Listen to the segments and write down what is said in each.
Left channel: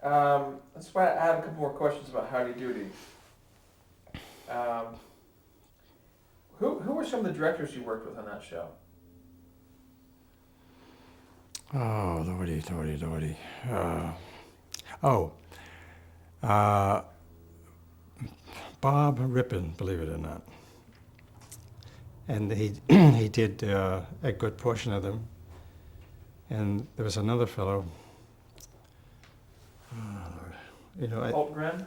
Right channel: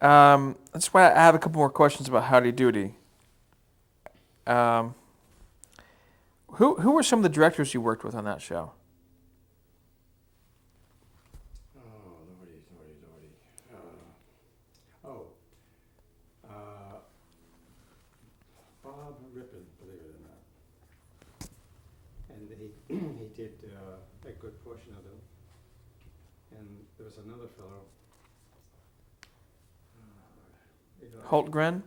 That's why I have a couple more questions about Howdy Doody. Um, who were some of the directors you worked with on that show? Oh, lordy, lordy, lordy. Oh, uh, Bob Rippin, believe it or not. And he he did a good portion of them. And there was another fellow, Holtgren?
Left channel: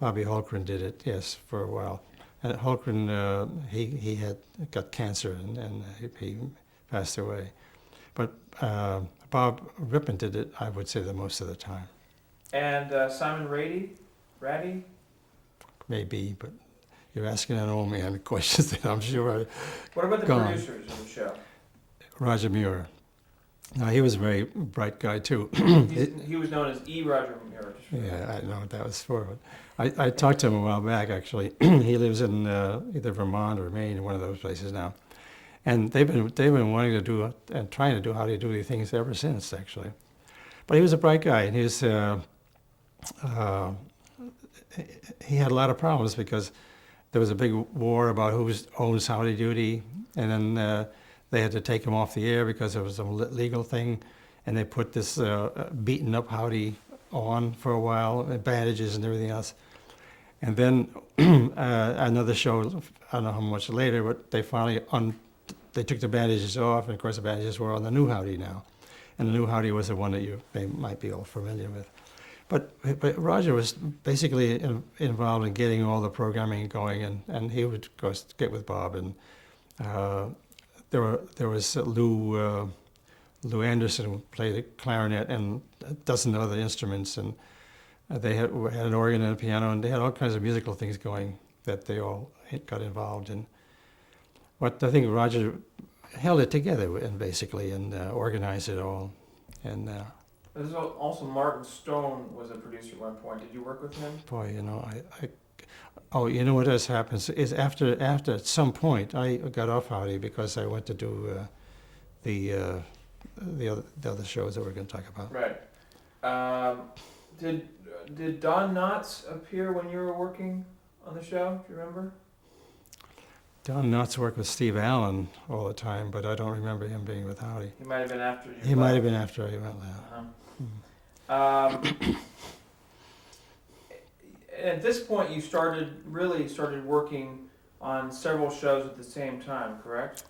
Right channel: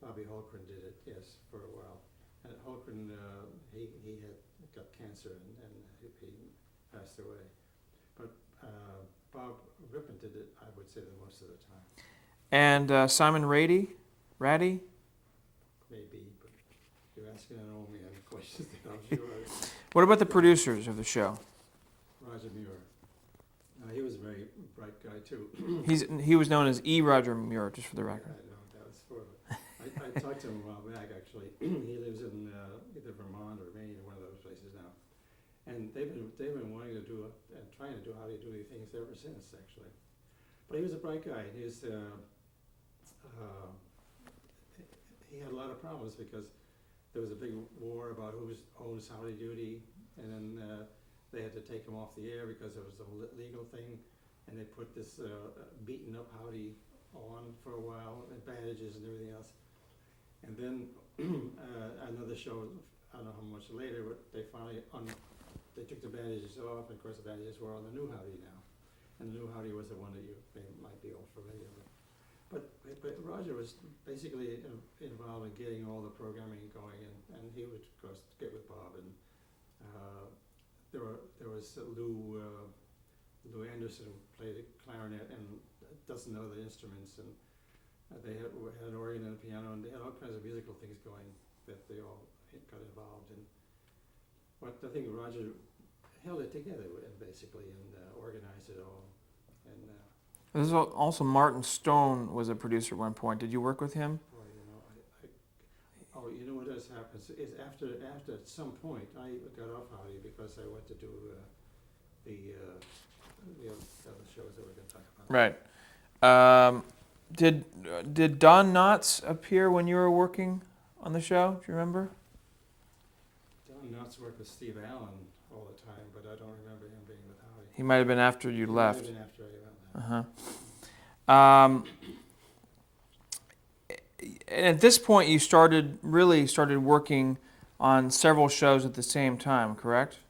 Bobby Holgren did it, yes, for a while. And Holgren, he had got cancer and he passed away. But Bob Rippin did it, I would say, the most of the time. And Simon Ratty? Maybe, but you're asking an old man questions that I'm sure What about the Go on. producers of the show? Roger Muir. Now, he was a very bright guy, too. He was known as E. Roger Muir, just for the record. Yeah, I know what that was for. But I talked to him a while back, actually. He lives in either Vermont or Maine, one of those places now. And they've been wanting to do and trying to do How Do You Do these things ever since, actually. But he was a bright guy, and he had a lot of problems because there was a big war about who owns Howdy Doody, and then they had to take him off the air because it was a legal thing, and they put this beaten up Howdy on for a while, and bandages and everything else. And then another show, I don't know how much later, but they finally they took the bandages off, and of course the bandages were on the new Howdy now, and the new Howdy was the one that they might be all familiar with. But Roger was basically involved in getting all the programming going, and he would go get with Bob, and there was Lou Anderson who played the clarinet and a dozen other instruments, and they had an organ and a piano, and they had all kinds of musical things going that they all got involved in. But I think Roger held it together and basically organized it all, and. This is also Martin Stone was a producer at one point. Did you work with him? Boy, oh, you know what has happened is after at some point I got off Howdy because I went to do the other shows that we're going to talk about. Right. Did Don Knotts appear when you were working on the show? Do you remember? Don Knotts worked with Steve Allen all the time, but I don't remember him being with Howdy. He might have been after you left. He might have been after I went left. And at this point, you started working on several shows at the same time, correct?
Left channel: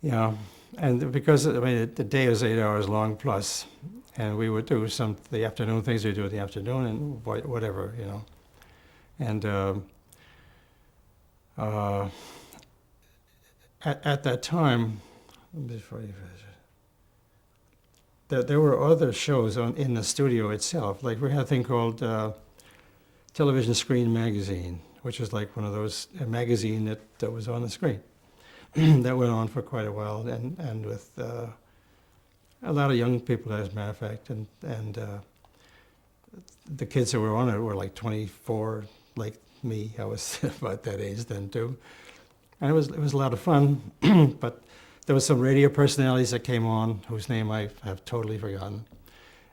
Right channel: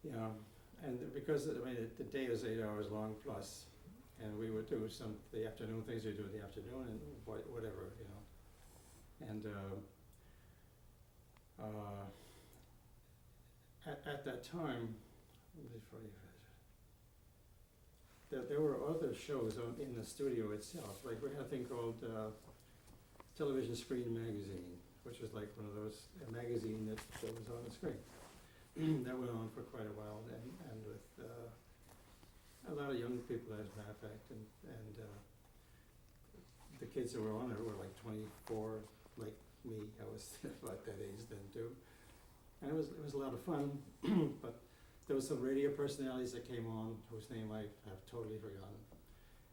Yeah, and because the day was 8 hours long plus, and we would do the afternoon things we do in the afternoon and whatever, and. At that time, there were other shows in the studio itself. Like we had a thing called Television Screen Magazine, which was like one of those a magazine that was on the screen. That went on for quite a while, and with a lot of young people, as a matter of fact, and the kids that were on it were like 24, like me. I was about that age then too, and it was a lot of fun. But there was some radio personalities that came on whose name I have totally forgotten.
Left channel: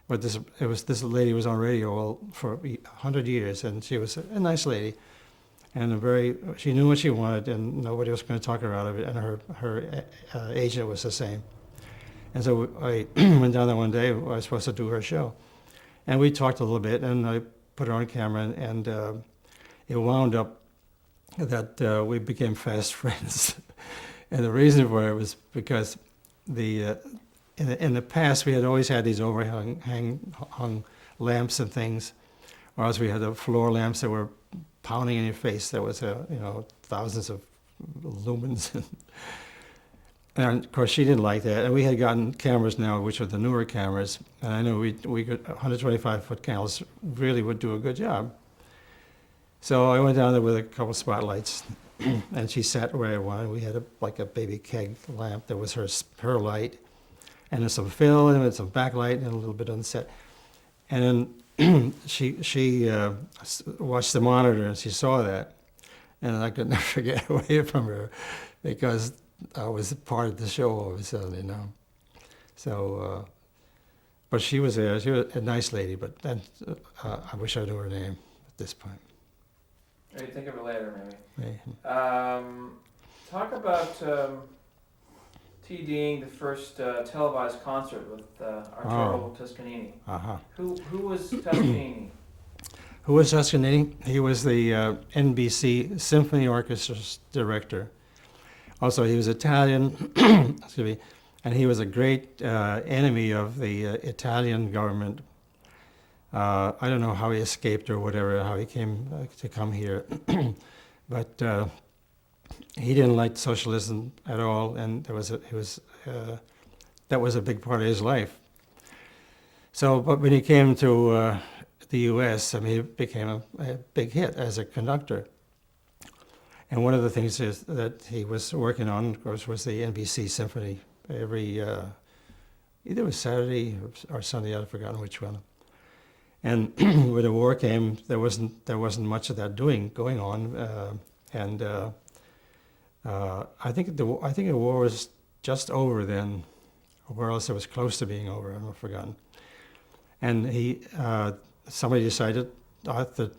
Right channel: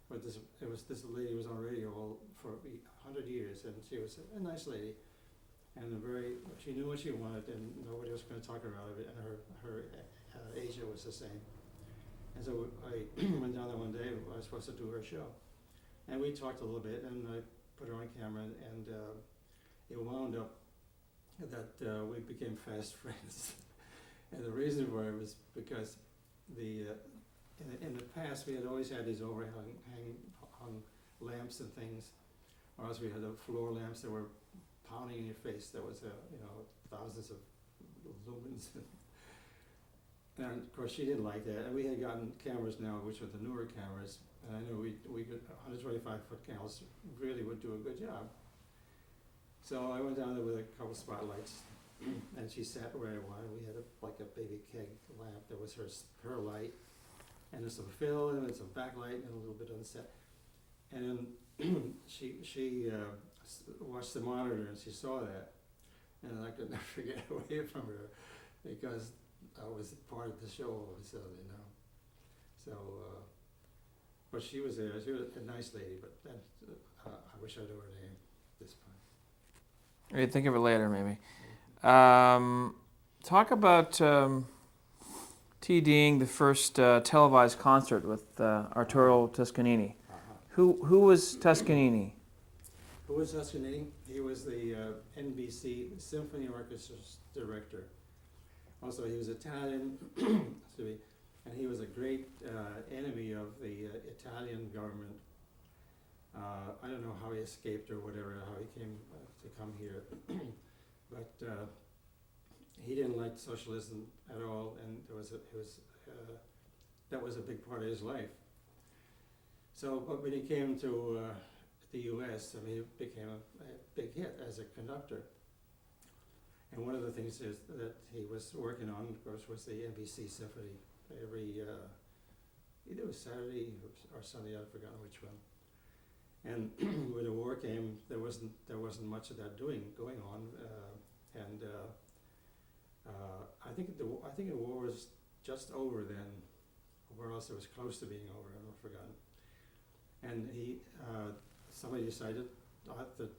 But this lady was on radio for 100 years, and she was a nice lady, and she knew what she wanted, and nobody was going to talk her out of it. And her agent was the same. And so I went down there one day. I was supposed to do her show, and we talked a little bit, and I put her on camera, and it wound up that we became fast friends. And the reason for it was because in the past we had always had these hung lamps and things, or else we had the floor lamps that were pounding in your face. That was thousands of lumens. And of course she didn't like that. And we had gotten cameras now, which are the newer cameras, and I knew we could 125-foot cameras really would do a good job. So I went down there with a couple spotlights, and she sat where I wanted. We had a baby keg lamp that was her light, and there's some fill and some backlight and a little bit on the set. And then she watched the monitor and she saw that, and I could never get away from her because I was part of the show all of a sudden, So But she was a nice lady, but then I wish I knew her name at this point. Hey, think of it later, maybe. Yeah. Talk about TDing the first televised concert with Arturo Toscanini. Uh-huh. Who was Toscanini? Who was Toscanini? He was the NBC Symphony Orchestra's director. Also, he was Italian, excuse me, and he was a great enemy of the Italian government. I don't know how he escaped or whatever, how he came to come here, but he didn't like socialism at all, and that was a big part of his life. So, but when he came to the U.S., I mean, he became a big hit as a conductor. And one of the things is that he was working on, of course, was the NBC Symphony. Every either it was Saturday or Sunday, I've forgotten which one. And when the war came, there wasn't much of that going on, and I think the war was just over then, or else it was close to being over. I've forgotten. And somebody decided that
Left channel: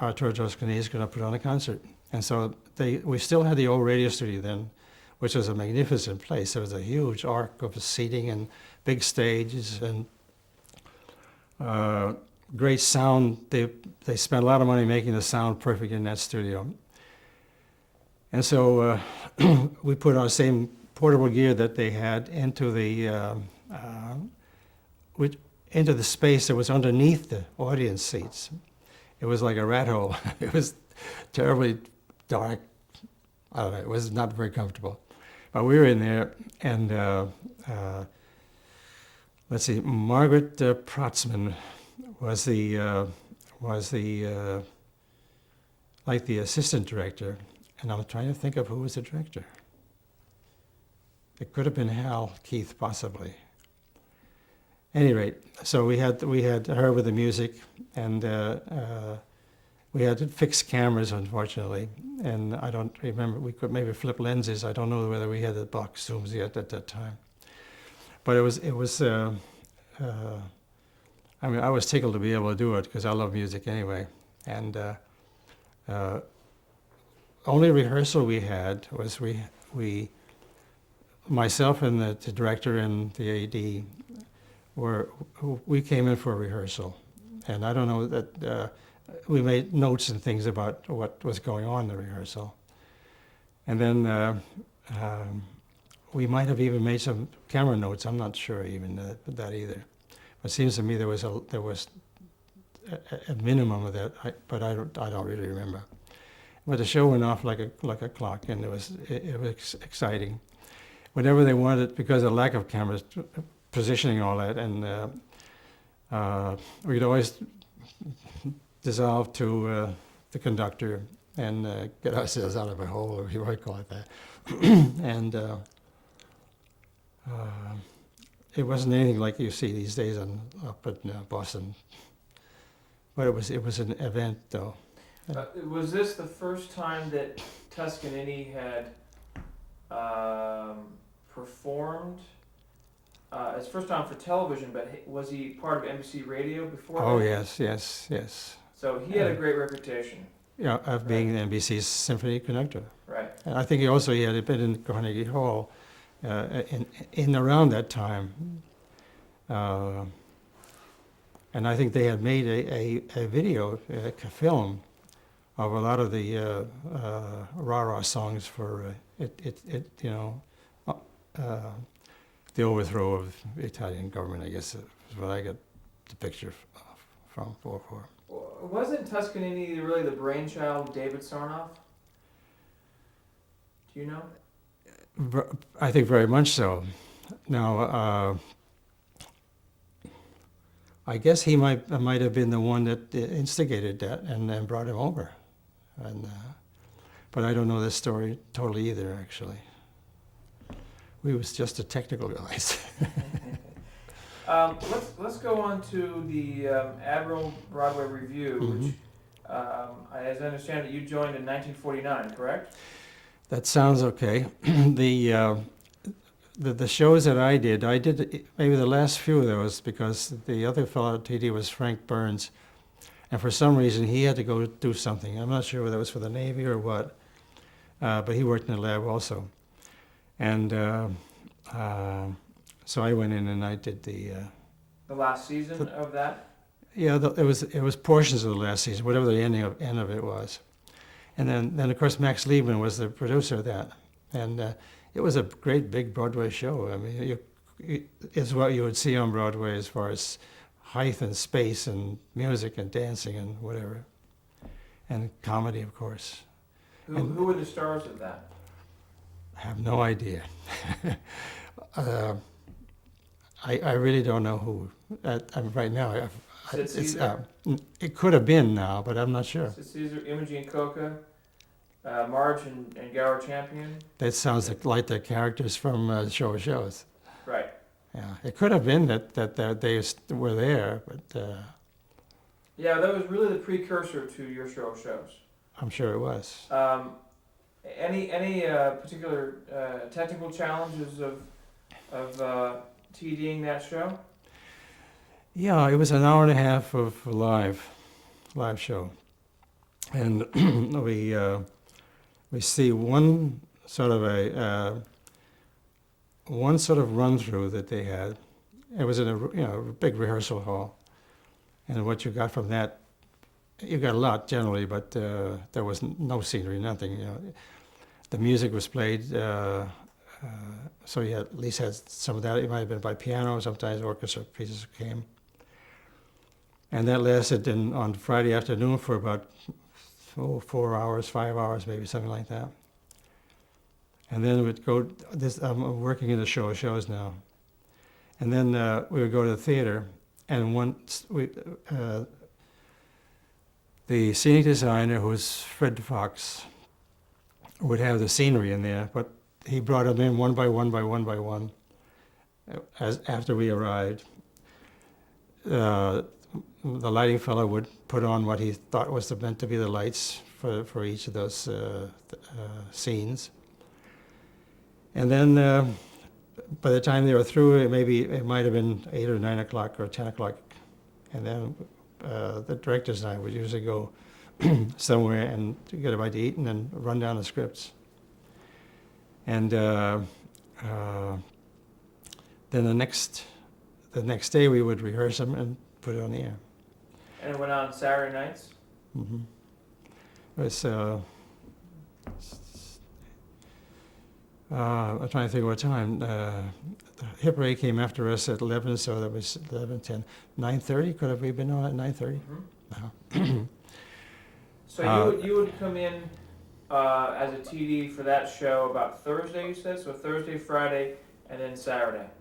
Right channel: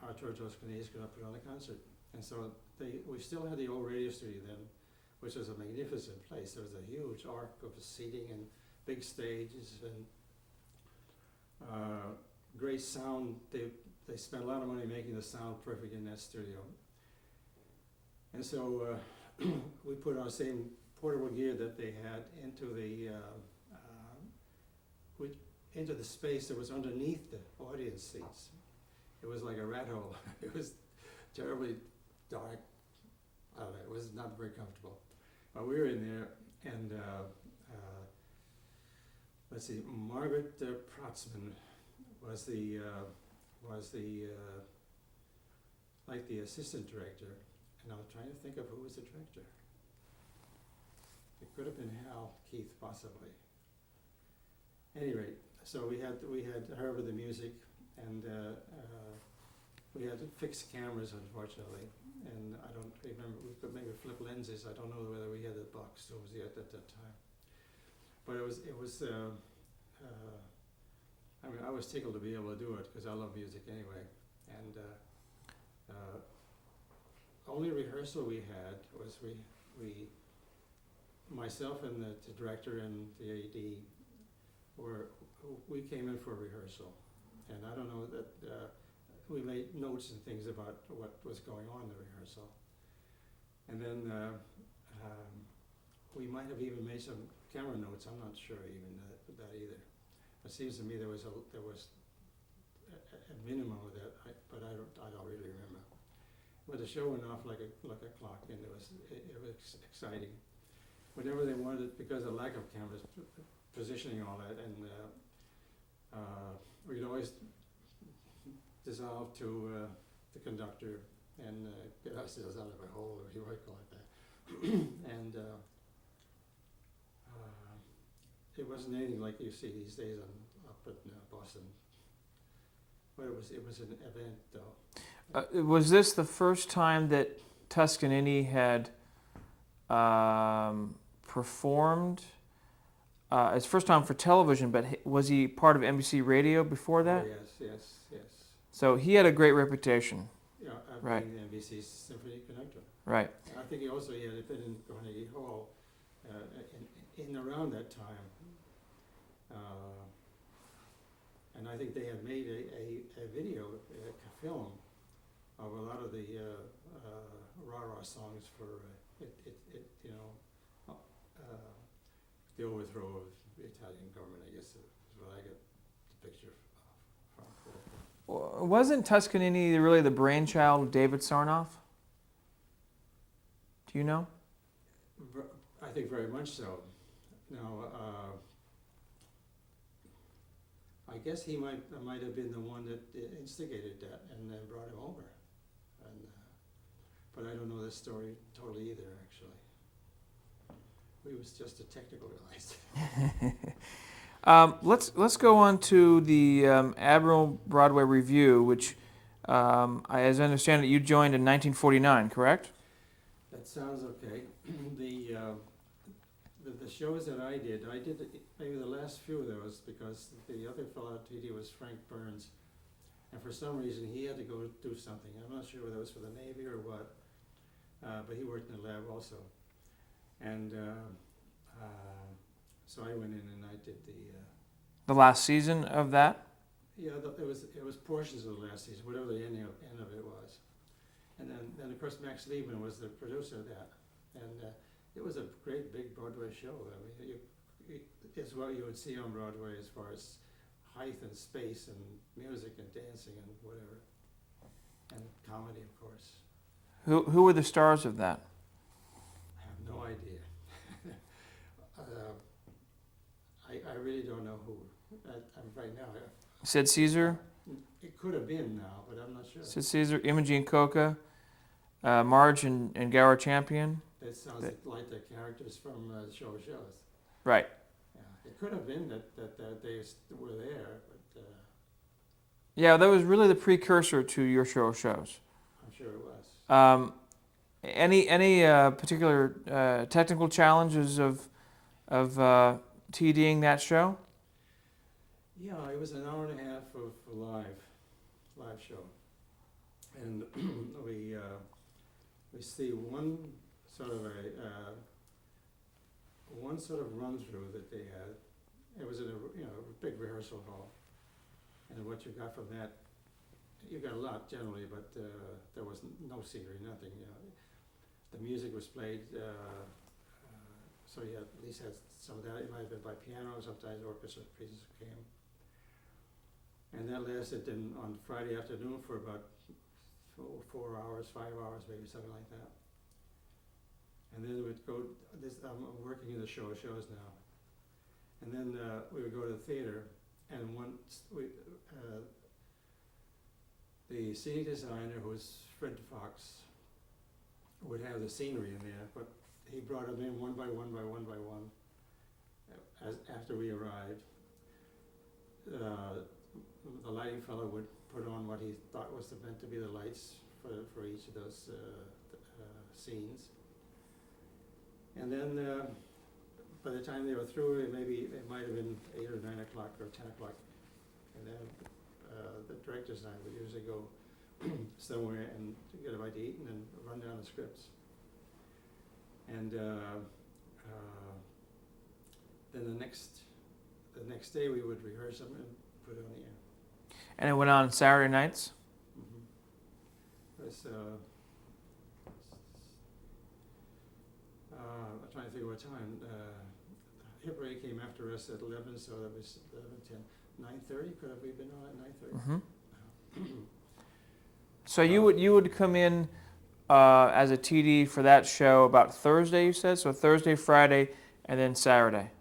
Arturo Toscanini is going to put on a concert, and so we still had the old radio studio then, which was a magnificent place. There was a huge arc of seating and big stages and great sound. They spent a lot of money making the sound perfect in that studio. And so we put our same portable gear that they had into the space that was underneath the audience seats. It was like a rat hole. It was terribly dark. I don't know, it was not very comfortable. But we were in there, and let's see, Margaret Protzman was the like the assistant director, and I'm trying to think of who was the director. It could have been Hal Keith, possibly. At any rate, so we had her with the music, and we had fixed cameras, unfortunately, and I don't remember. We could maybe flip lenses. I don't know whether we had the box zooms yet at that time. But it was. I mean, I was tickled to be able to do it because I love music anyway. And only rehearsal we had was myself and the director and the AD we came in for a rehearsal, and I don't know that we made notes and things about what was going on in the rehearsal, and then we might have even made some camera notes. I'm not sure even that either. It seems to me there was a minimum of that, but I don't really remember. But the show went off like a clock, and it was exciting. Whenever they wanted, because of lack of cameras, positioning all that, and we'd always dissolve to the conductor and get ourselves out of a hole, or you might call it that. And it wasn't anything like you see these days up at Boston, but it was an event, though. Was this the first time that Toscanini had performed? It's first time for television, but was he part of NBC Radio before that? Oh yes. So he had a great reputation. Yeah, of being the NBC's symphony conductor. Right. And I think he had been in Carnegie Hall in around that time, and I think they had made a video, a film, of a lot of the rah-rah songs for the overthrow of the Italian government, I guess is what I got the picture from. Wasn't Toscanini really the brainchild of David Sarnoff? Do you know? I think very much so. Now, I guess he might have been the one that instigated that and then brought him over, but I don't know this story totally either. Actually, we was just a technical guys. Let's go on to the Admiral Broadway Review, which, as I understand it, you joined in 1949, correct? That sounds okay. the shows that I did maybe the last few of those because the other fellow at TD was Frank Burns, and for some reason he had to go do something. I'm not sure whether it was for the Navy or what, but he worked in the lab also, and so I went in and I did The last season of that? yeah, it was portions of the last season, whatever the end of it was, and then of course Max Liebman was the producer of that, and it was a great big Broadway show. I mean, it's what you would see on Broadway as far as height and space and music and dancing and whatever, and comedy, of course. Who were the stars of that? I have no idea. I really don't know who. Right now, Sid Caesar? It could have been now, but I'm not sure. Sid Caesar, Imogene Coca, Marge and Gower Champion. That sounds like the characters from Show of Shows. Right. Yeah, it could have been that they were there, but Yeah, that was really the precursor to your Show of Shows. I'm sure it was. Any particular technical challenges of TDing that show? Yeah, it was an hour and a half of live show, and we see one sort of run through that they had. It was in a big rehearsal hall, and what you got from that, you got a lot generally, but there was no scenery, nothing. You know, the music was played, so you at least had some of that. It might have been by piano. Sometimes orchestra pieces came. And that lasted on Friday afternoon for about 4 hours, 5 hours, maybe something like that. And then we'd go. I'm working in the Show of Shows now. And then we would go to the theater, and once the scenic designer, who was Fred Fox, would have the scenery in there, but he brought them in one by one by one by one. After we arrived. The lighting fellow would put on what he thought was meant to be the lights for each of those scenes. And then by the time they were through, it might have been 8 or 9 o'clock or 10 o'clock. And then the directors and I would usually go somewhere and get a bite to eat and then run down the scripts. And then the next day we would rehearse them and put it on the air. And it went on Saturday nights? Mm-hmm. It was, I'm trying to think what time. The hip parade came after us at 11, so that was 11, 10. 9:30? Could have we been on at 9:30? Mm-hmm. No. So you would come in as a TD for that show about Thursday, you said? So Thursday, Friday, and then Saturday.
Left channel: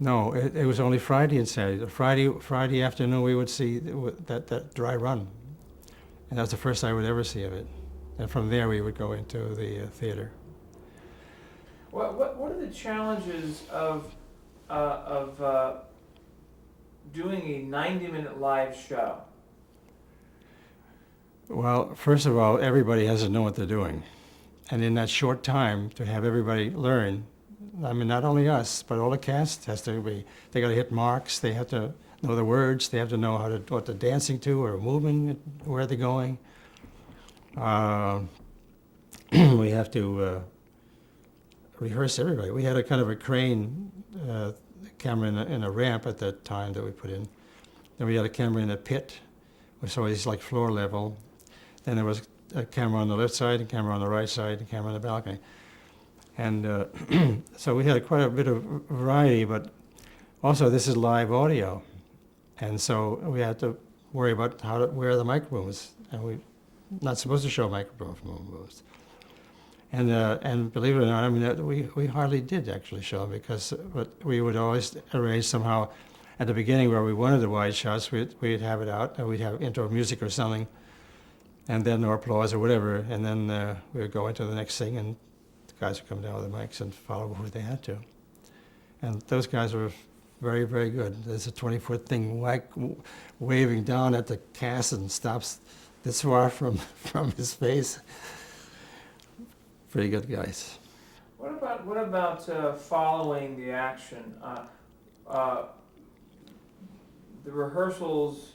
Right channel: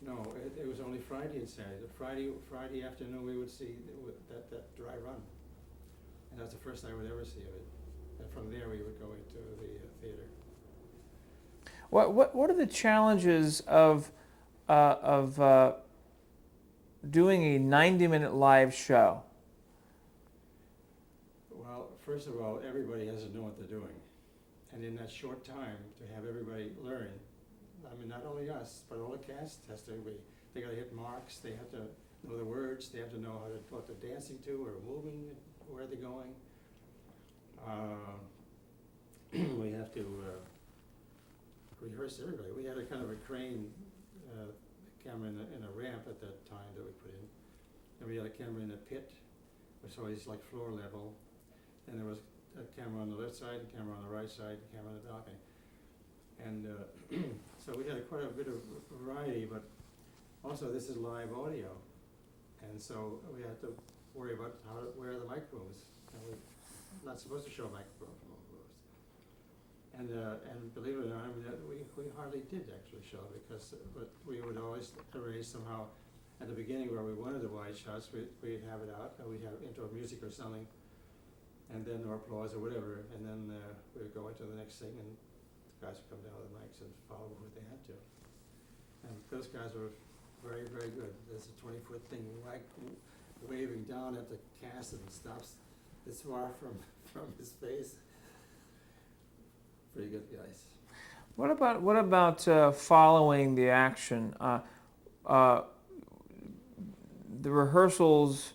No, it was only Friday and Saturday. The Friday afternoon we would see that dry run, and that's the first I would ever see of it. And from there we would go into the theater. What are the challenges of doing a 90-minute live show? Well, first of all, everybody has to know what they're doing, and in that short time to have everybody learn. I mean, not only us, but all the cast has to be. They got to hit marks. They have to know the words. They have to know what they're dancing to or moving, where they're going. We have to rehearse everybody. We had a kind of a crane camera in a ramp at that time that we put in. Then we had a camera in a pit, which was always like floor level. Then there was a camera on the left side, a camera on the right side, a camera on the balcony. And so we had quite a bit of variety, but also this is live audio. And so we had to worry about where the microphone was. And we're not supposed to show microphone moves. And believe it or not, I mean, we hardly did actually show them because we would always arrange somehow at the beginning where we wanted the wide shots, we'd have it out, and we'd have intro music or something, and then or applause or whatever, and then we would go into the next thing, and the guys would come down with the mics and follow who they had to. And those guys were very, very good. There's a 20-foot thing waving down at the cast and stops this far from his face. pretty good guys. What about following the action? The rehearsals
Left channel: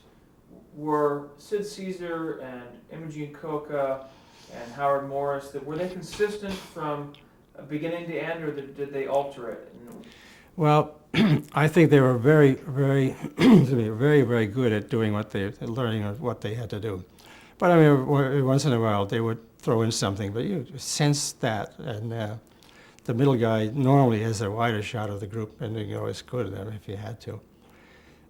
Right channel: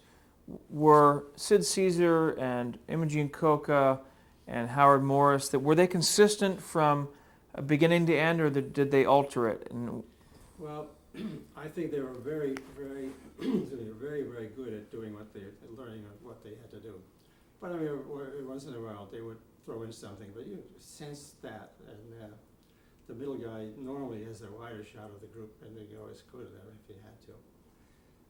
were Sid Caesar and Imogene Coca and Howard Morris. Were they consistent from beginning to end, or did they alter it? Well, I think they were very, very, excuse me, very, very good at doing learning what they had to do. But I mean, once in a while they would throw in something, but you sense that, and the middle guy normally has a wider shot of the group, and you always could at them if you had to.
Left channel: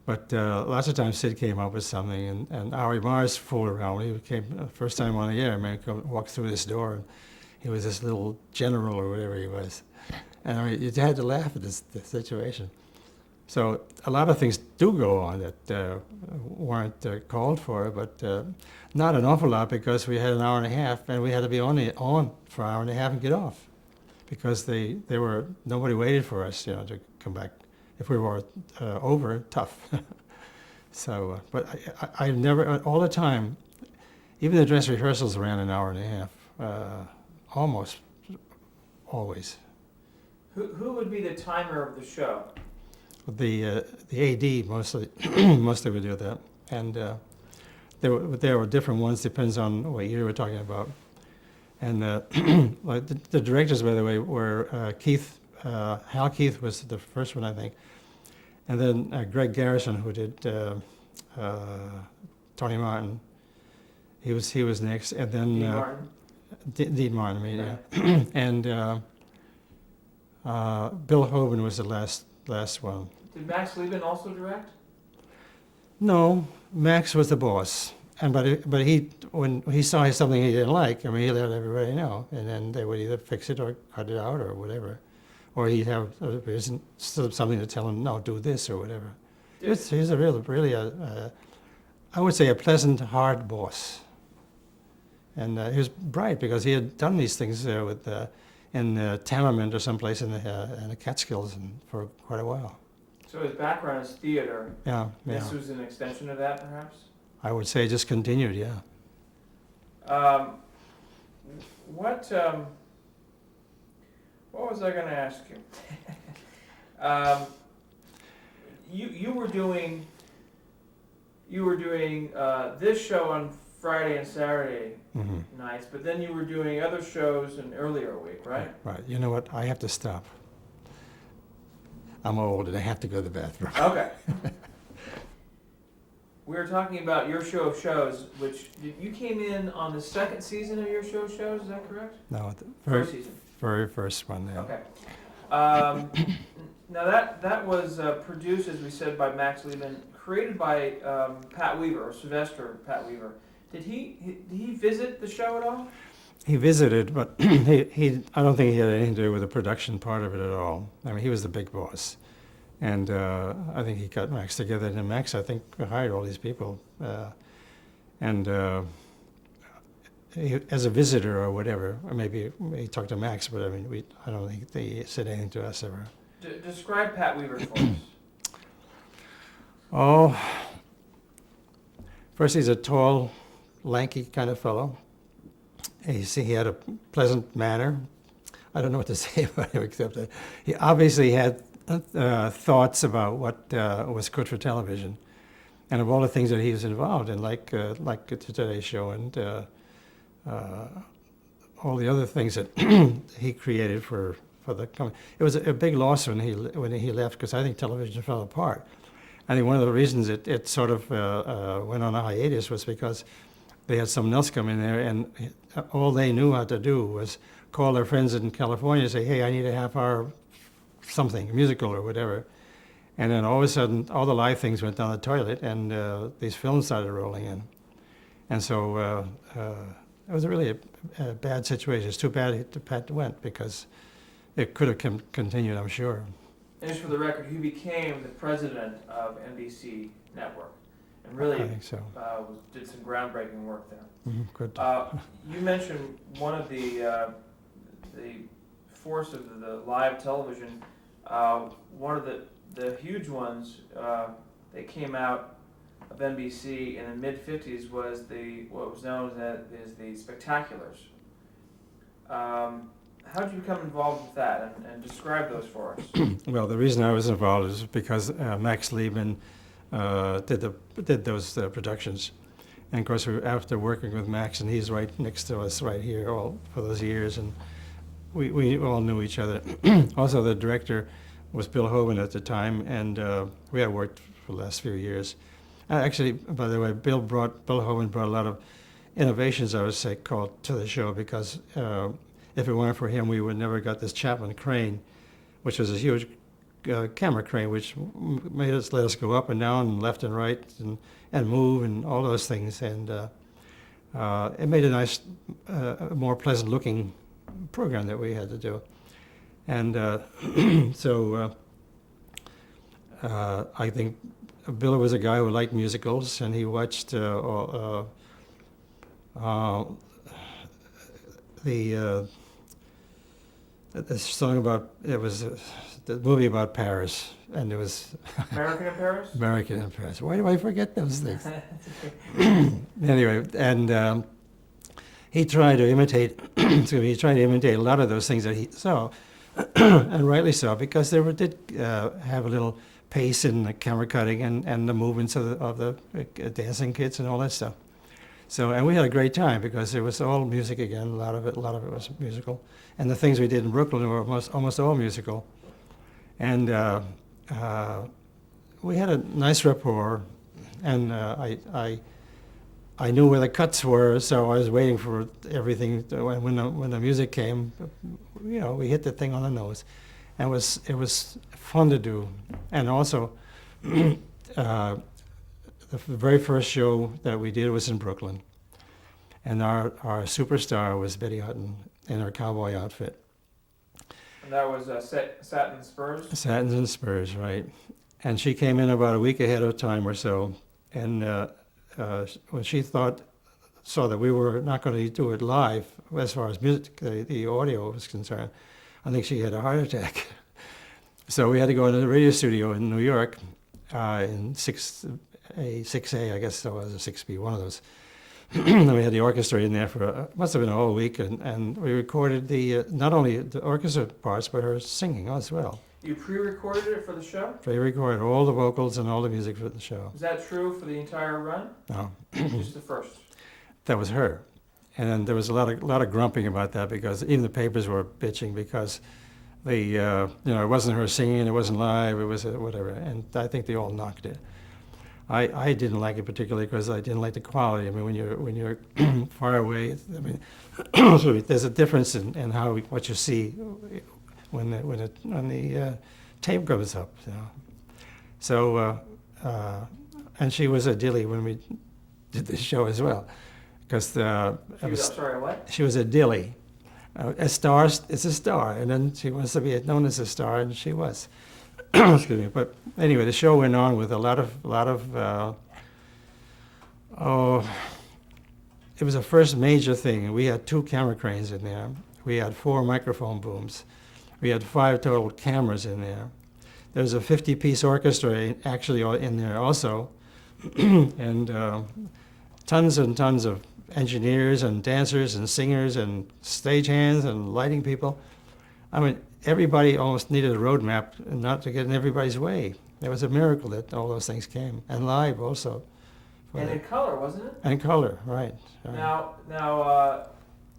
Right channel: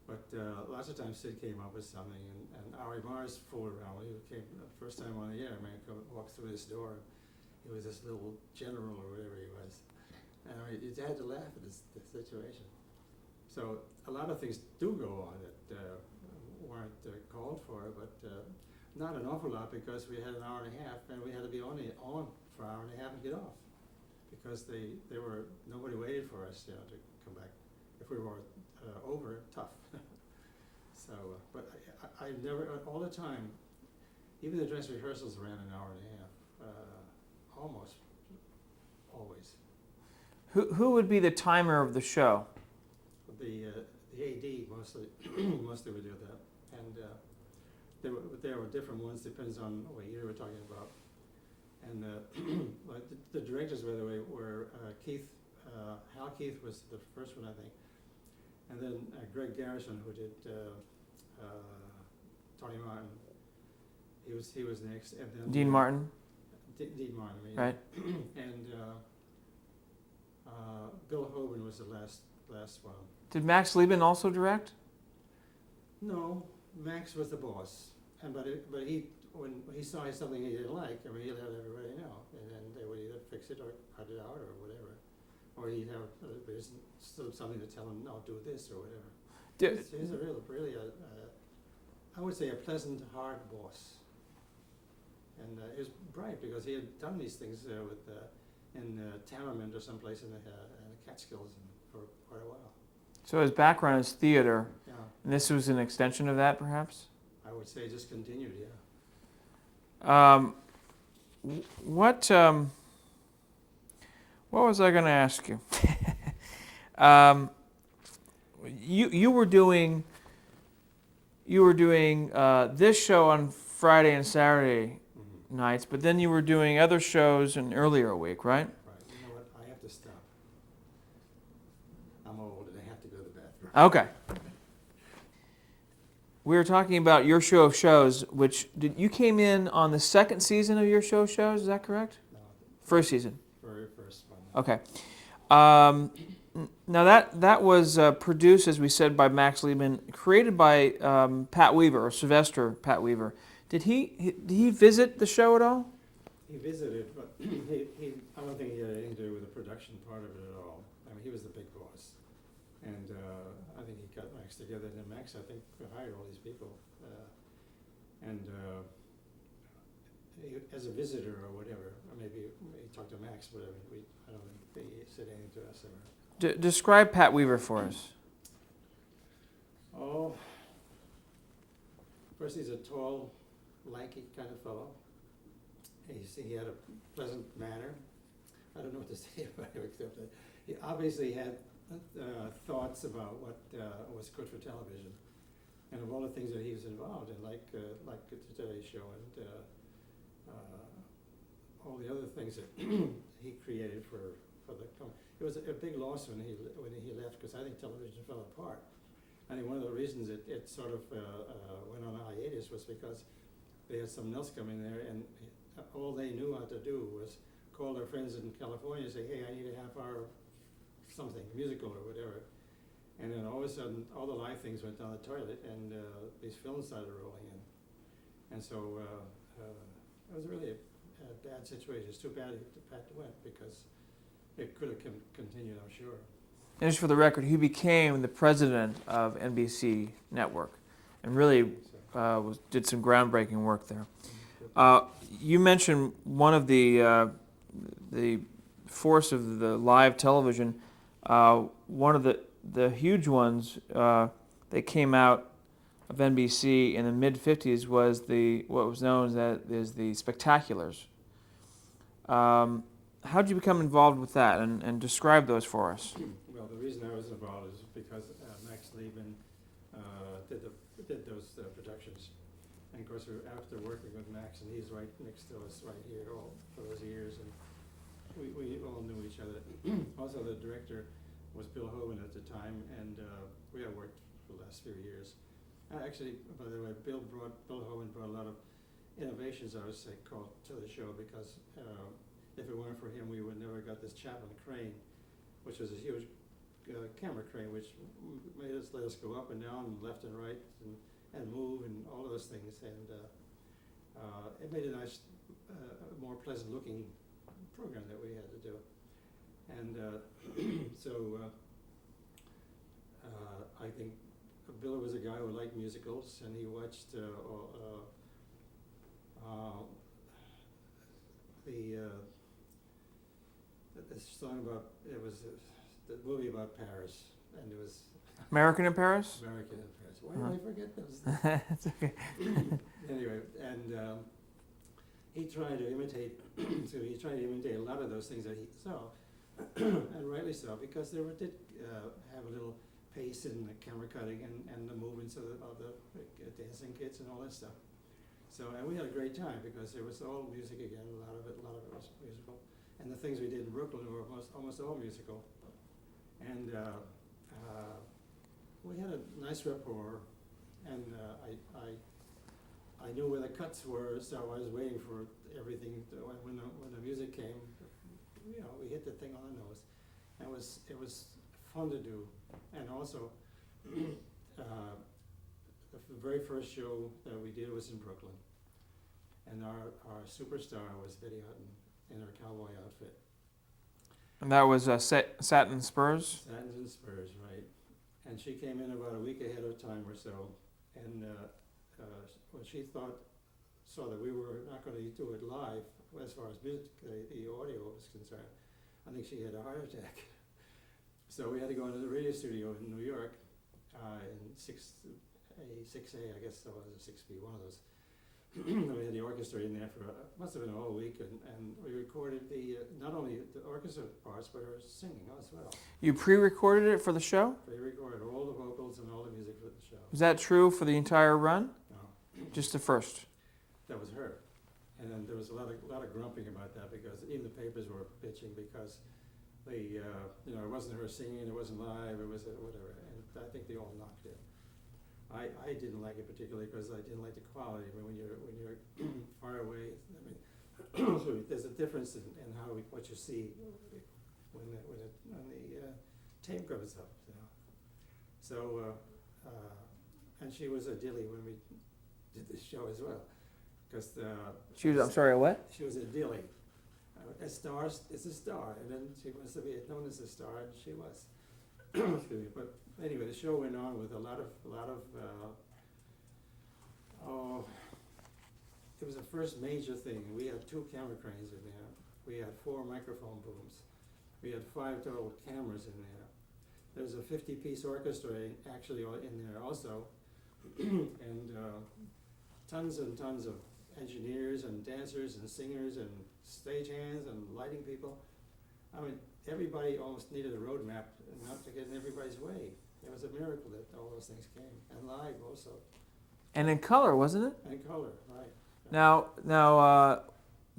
But lots of times Sid came up with something, and Howard Morris fooled around. He came first time on the air, man, walked through this door, and he was this little general or whatever he was. And I mean, you had to laugh at the situation. So a lot of things do go on that weren't called for, but not an awful lot, because we had an hour and a half, and we had to be on for an hour and a half and get off, because nobody waited for us, to come back. If we were over, tough. So, but I never, all the time, even the dress rehearsals ran an hour and a half, almost always. Who would be the timer of the show? The AD mostly mostly would do that, and there were different ones, depends on what year we're talking about. And like the directors, by the way, were Keith. Hal Keith was the first one, I think, and then Greg Garrison, who did Tony Martin. He was next, and then Dean Martin. Dean Martin, I mean, Right. yeah. And Bill Hoban was the last one. Did Max Liebman also direct? No, Max was the boss, but he when he saw something he didn't like, I mean, he let everybody know, and then they would either fix it or cut it out or whatever, or he'd have something to tell him, no, do this or whatever. Yes. He's a really I would say a pleasant, hard boss, and he was bright because he had done these things in Tamerman or someplace in the Catskills for quite a while. So his background is theater. Yeah. This was an extension of that, perhaps? I would say just continued, yeah. What was I going to ask you? You were doing this show on Friday and Saturday nights, but then you were doing other shows an earlier week, right? Right. You know what? I have to stop. I'm old and I have to go to the bathroom. Okay. We were talking about your show of shows, which you came in on the second season of your show of shows. Is that correct? No, First season. Very first one. Yeah. Okay. Now that was produced, as we said, by Max Liebman, created by Pat Weaver, or Sylvester Pat Weaver. Did he visit the show at all? He visited, but he I don't think he had anything to do with the production part of it at all. I mean, he was the big boss, and I think he got Max together, and Max, I think, hired all these people, and as a visitor or whatever, or maybe he talked to Max, but I mean, I don't think they said anything to us ever. Describe Pat Weaver for us. Oh, first he's a tall, lanky kind of fellow. He had a pleasant manner. I don't know what to say about him except that he obviously had thoughts about what was good for television, and of all the things that he was involved in, like the Today Show and all the other things that he created for the company. It was a big loss when he left, because I think television fell apart. I think one of the reasons it sort of went on a hiatus was because they had someone else come in there, and all they knew how to do was call their friends in California and say, hey, I need a half-hour something, musical or whatever. And then all of a sudden, all the live things went down the toilet, and these films started rolling in. And so it was really a bad situation. It's too bad Pat went, because it could have continued, I'm sure. And just for the record, he became the president of NBC Network, and really I think so. Did some groundbreaking work there. Good. You mentioned one of the force of the live television. One of the huge ones that came out of NBC in the mid-50s was what was known as the Spectaculars. How did you become involved with that, and describe those for us? Well, the reason I was involved is because Max Liebman did those productions. And of course, after working with Max, and he's right next to us right here all for those years, and we all knew each other. Also, the director was Bill Hoban at the time, and we had worked for the last few years. Actually, by the way, Bill Hoban brought a lot of innovations, I would say, called to the show, because if it weren't for him, we would never got this Chapman crane, which was a huge camera crane, which let us go up and down and left and right and move and all those things. And it made a nice, more pleasant looking program that we had to do. And so I think Bill was a guy who liked musicals, and he watched the song about, it was the movie about Paris, and it was American in Paris? American in Paris. Why do I forget those things? Anyway, and he tried to imitate, he tried to imitate a lot of those things that he saw, and rightly so, because they did have a little pace in the camera cutting and the movements of the dancing kids and all that stuff. So, and we had a great time because it was all music again. A lot of it was musical, and the things we did in Brooklyn were almost all musical. And we had a nice rapport, and I knew where the cuts were, so I was waiting for everything. When the music came, you know, we hit the thing on the nose, and it was fun to do. And also, the very first show that we did was in Brooklyn, and our superstar was Betty Hutton in her cowboy outfit. And that was Satin Spurs? Satins and Spurs, right. And she came in about a week ahead of time or so, and when she saw that we were not going to do it live, as far as music, the audio was concerned, I think she had a heart attack. So we had to go into the radio studio in New York, in 6A, I guess it was, a 6B, one of those. And we had the orchestra in there for, must have been a whole week, and we recorded not only the orchestra parts, but her singing as well. You pre-recorded it for the show? Pre-recorded all the vocals and all the music for the show. Is that true for the entire run? No. Just the first? That was her. And then there was a lot of grumping about that, because even the papers were bitching because it wasn't her singing, it wasn't live, it was whatever. And I think they all knocked it. I didn't like it particularly because I didn't like the quality. I mean, when you're far away, I mean, there's a difference in what you see when the tape goes up. You know? So, and she was a dilly when we did the show as well, because I'm sorry, what? She was a dilly. A star is a star, and then she wants to be known as a star, and she was. Excuse me. But anyway, the show went on with a lot of it was the first major thing. We had 2 camera cranes in there. We had 4 microphone booms. We had 5 total cameras in there. There was a 50-piece orchestra actually in there also, and tons and tons of engineers and dancers and singers and stagehands and lighting people. I mean, everybody almost needed a roadmap and not to get in everybody's way. It was a miracle that all those things came, and live also. And in color, wasn't it? And color, right. Now,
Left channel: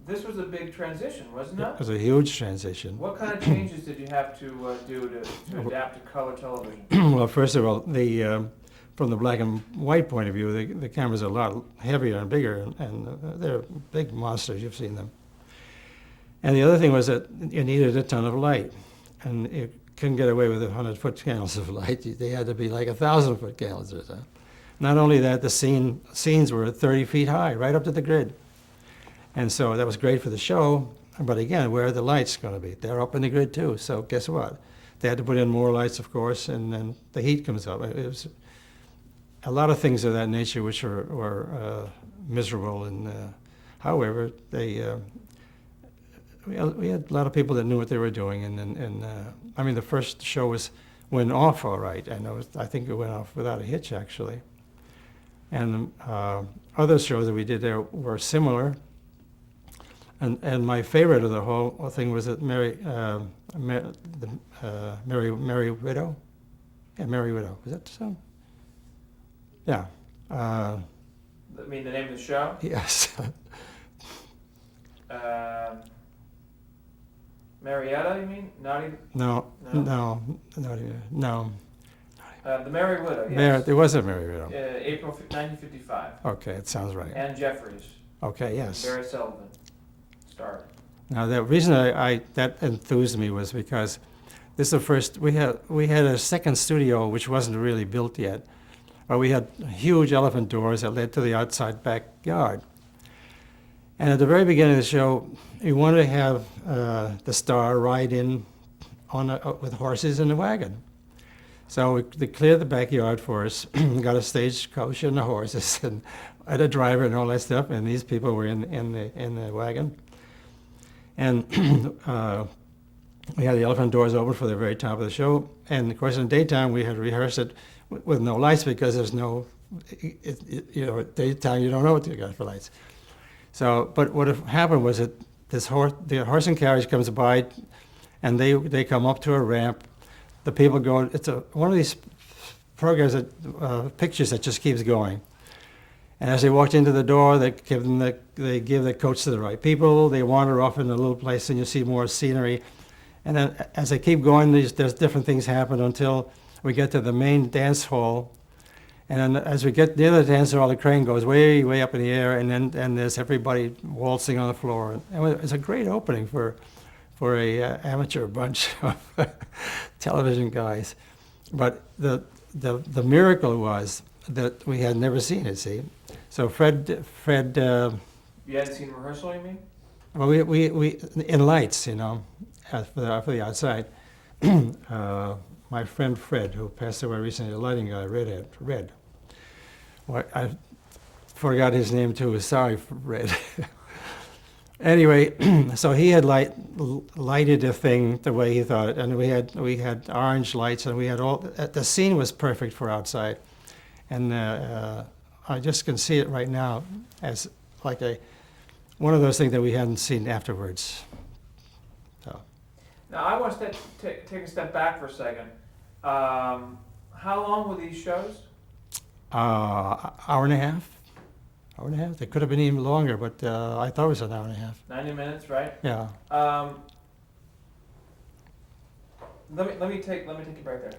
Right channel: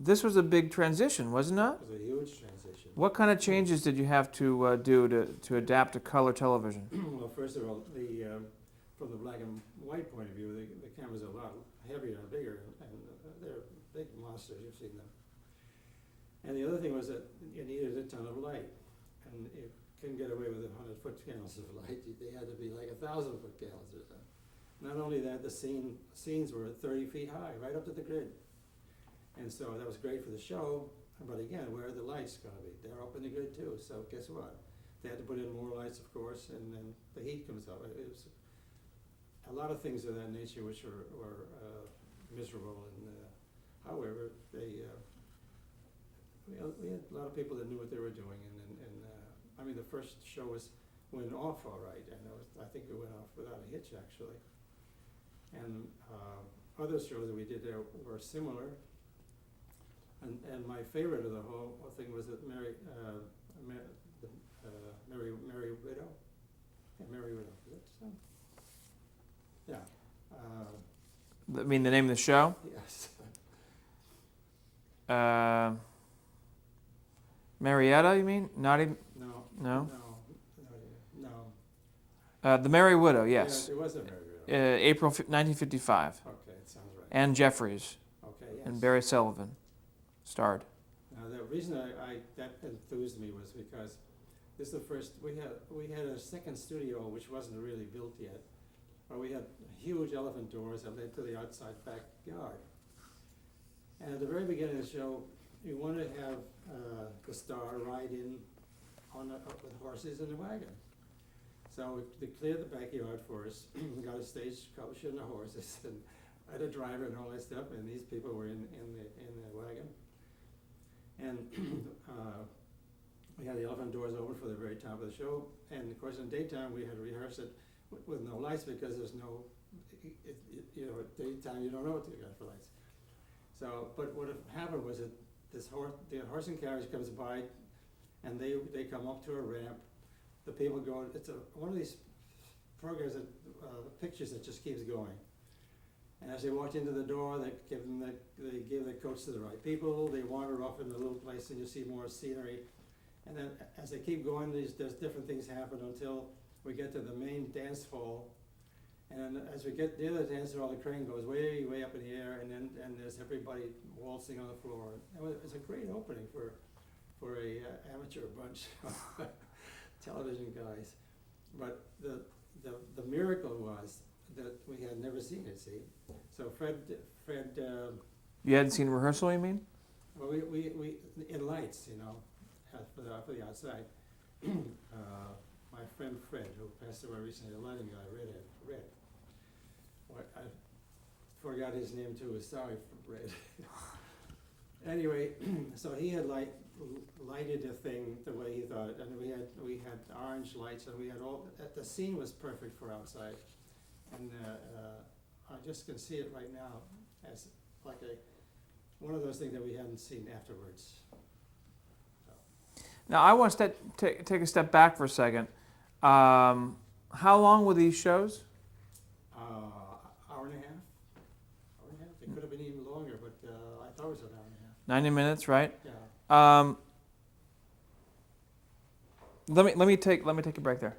this was a big transition, wasn't it? It was a huge transition. What kind of changes did you have to do to adapt to color television? Well, first of all, from the black and white point of view, the cameras are a lot heavier and bigger, and they're big monsters. You've seen them. And the other thing was that you needed a ton of light, and you couldn't get away with 100-foot candles of light. They had to be like 1,000-foot candles or so. Not only that, the scenes were 30 feet high, right up to the grid. And so that was great for the show, but again, where are the lights going to be? They're up in the grid too, so guess what? They had to put in more lights, of course, and then the heat comes up. It was a lot of things of that nature which were miserable, and however, we had a lot of people that knew what they were doing, and I mean, the first show went off all right. I think it went off without a hitch, actually. And other shows that we did there were similar. And my favorite of the whole thing was that Merry Widow. Yeah, Merry Widow. Was that so? Yeah. I mean, the name of the show? Yes. Marietta, you mean? Not even. No. No. No. Not even. No. The Merry Widow. Yes. There was a Merry Widow. April 1955. Okay, it sounds right. Ann Jeffries. Okay. Yes. And Barry Sullivan starred. Now the reason I that enthused me was because this is the first we had a second studio which wasn't really built yet, but we had huge elephant doors that led to the outside backyard. And at the very beginning of the show, we wanted to have the star ride in with horses in a wagon. So they cleared the backyard for us, got a stagecoach and the horses, and had a driver and all that stuff. And these people were in the wagon. And we had the elephant doors open for the very top of the show. And of course, in the daytime, we had rehearsed it with no lights because there's no, daytime you don't know what you got for lights. So, but what happened was that the horse and carriage comes by, and they come up to a ramp. The people go. It's one of these programs that pictures that just keeps going. And as they walked into the door, they give the coach to the right people. They wander off in a little place, and you see more scenery. And then as they keep going, there's different things happen until we get to the main dance hall. And then as we get near the dance hall, the crane goes way, way up in the air, and there's everybody waltzing on the floor. And it's a great opening for a amateur bunch of television guys. But the miracle was that we had never seen it. See, so Fred. You hadn't seen rehearsal, you mean? Well, we in lights, for the outside. My friend Fred, who passed away recently, the lighting guy, Red. Well, I forgot his name too. Sorry, Red. Anyway, so he had lighted the thing the way he thought, and we had orange lights, and we had all. The scene was perfect for outside, and I just can see it right now as like one of those things that we hadn't seen afterwards. So. Now I want to take a step back for a second. How long were these shows? Hour and a half. Hour and a half. They could have been even longer, but I thought it was an hour and a half. 90 minutes, right? Yeah. Let me take a break there.